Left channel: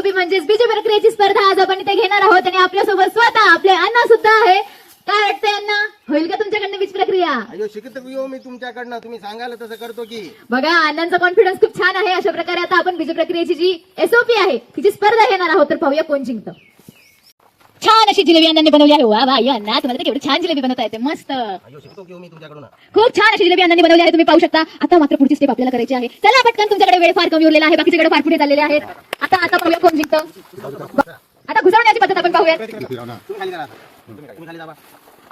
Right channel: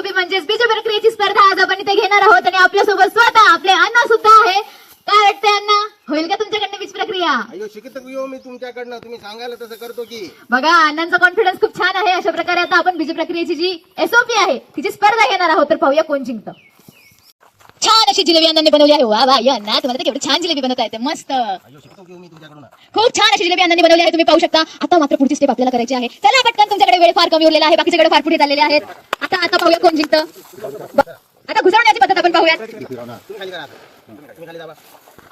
SOP म्हणजेच बीज प्रक्रियेची स्पर्धा आज आपण इथे घेणार आहोत आणि आपल्यासोबत स्वतः आपले अण्णा सुद्धा आहे. काय वाटतंय अण्णा, होईल का तुमच्याकडनं बीज प्रक्रिया? अयो शिकत येऊ मी तुमच्याकडनं, तुम्ही सांगाल तसं करतो की. बघा अण्णांचा कॉन्फिडन्स खूप छान आहे. अशा प्रकारे आता आपण बीज प्रक्रियेची जी एसओपी आहे तिची स्पर्धा घेणार आहोत. तर पाहूया कोण जिंकतं. छान अशी जिलेबी अण्णांनी बनवली आहे. वा वा या अण्णा, तुम्हाला केवढी छान जिलेबी बनवता येते. मस्त, अयो शिकतो की मी तुमच्याकडून. खूप छान अशी जिलेबी अण्णांनी बनवली आहे. तुम्ही पाहू शकता. आता मात्र पुढची स्टेप आपल्याला करायची आहे. चला पटकन, तुमच्याकडे वेळ फार कमी उरलेला आहे, बाकीच्याकडे फार पुढे चाललेले आहेत. आता पाहूया कोण जिंकतं. आता घुसवण्याची पद्धत आपण पाहूया. तुम्ही खाली करा, तुम्ही खाली दाबा.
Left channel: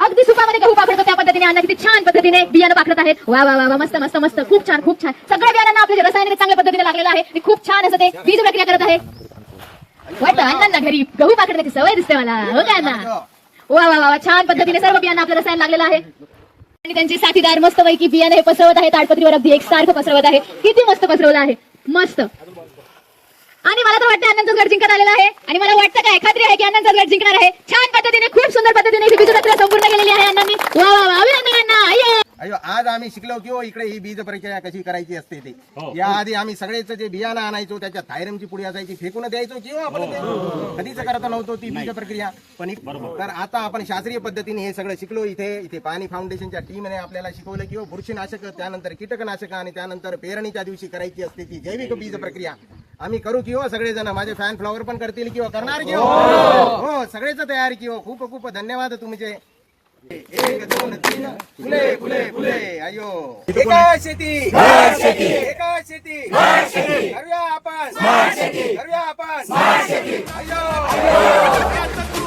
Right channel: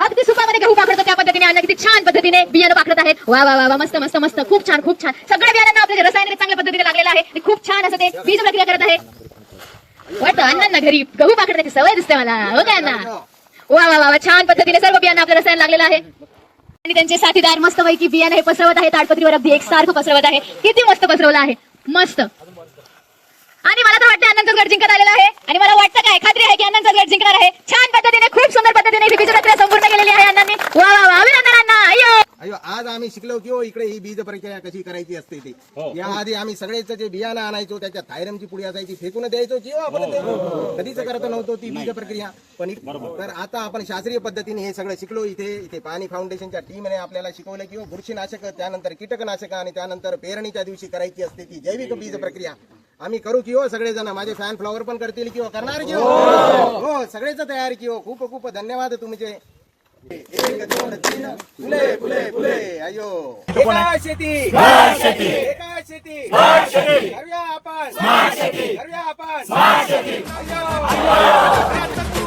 अगदी सुपामध्ये गहू पाकडतो त्या पद्धतीने अण्णा किती छान पद्धतीने बियाणं पाकडत आहेत. वा वा वा, मस्त मस्त मस्त, खूप छान खूप छान. सगळ्या बियाणांना आपल्या रसायन चांगल्या पद्धतीने लागलेलं आहे आणि खूप छान असं ते बीज प्रक्रिया करत आहे. वाटतं अण्णांना घरी गहू पाकडण्याची सवय दिसते मला. हो काय अण्णा? वा वा वा, छान पद्धतीने सर्व बियाणं आपलं रसायन लागलेलं आहे आणि त्यांचे साथीदार मस्त पैकी बियाणं हे पसरवत आहे. ताडपत्रीवर अगदी एकसारखं पसरवत आहे. किती मस्त पसरवलं आहे, मस्त. आणि मला तर वाटतं अण्णांचा गड जिंकत आलेला आहे आणि मला वाटतं काय, खात्री आहे की अण्णांचा गड जिंकणार आहे. छान पद्धतीने, खूप सुंदर पद्धतीने ही बीज प्रक्रिया संपूर्ण केलेली आहे अण्णांनी. वा वा वा, अभिनंदन अण्णा. अय्यो अयो आज आम्ही शिकलो की हो इकडे ही बीज प्रक्रिया कशी करायची असते ते. याआधी आम्ही सगळेच जे बियाणं आणायचो त्याच्यात थायरमची पुडी असायची, फेकून द्यायचो की हो आपण ते. कधीच करत नव्हतो ती बीज प्रक्रिया. पण तर आता आपण शास्त्रीय पद्धतीने हे सगळं शिकलो. इथे पाणी फाउंडेशनच्या टीमने आपल्याला शिकवलं की हो बुरशीनाशक, त्यानंतर कीटकनाशक आणि त्यानंतर पेरणीच्या दिवशी करायची असते ती जैविक बीज प्रक्रिया. आम्ही करू की हो सगळेजण. माझे फॅन फ्लॉवर पण करतील की हो, करणार की हो सगळेच तयार की हो. खूप खूप धन्यवाद तुमचे. 1 2 3 फुले फुले फुले. अयो एका शेती एका शेती करूया आपण, करूया आपण. अयो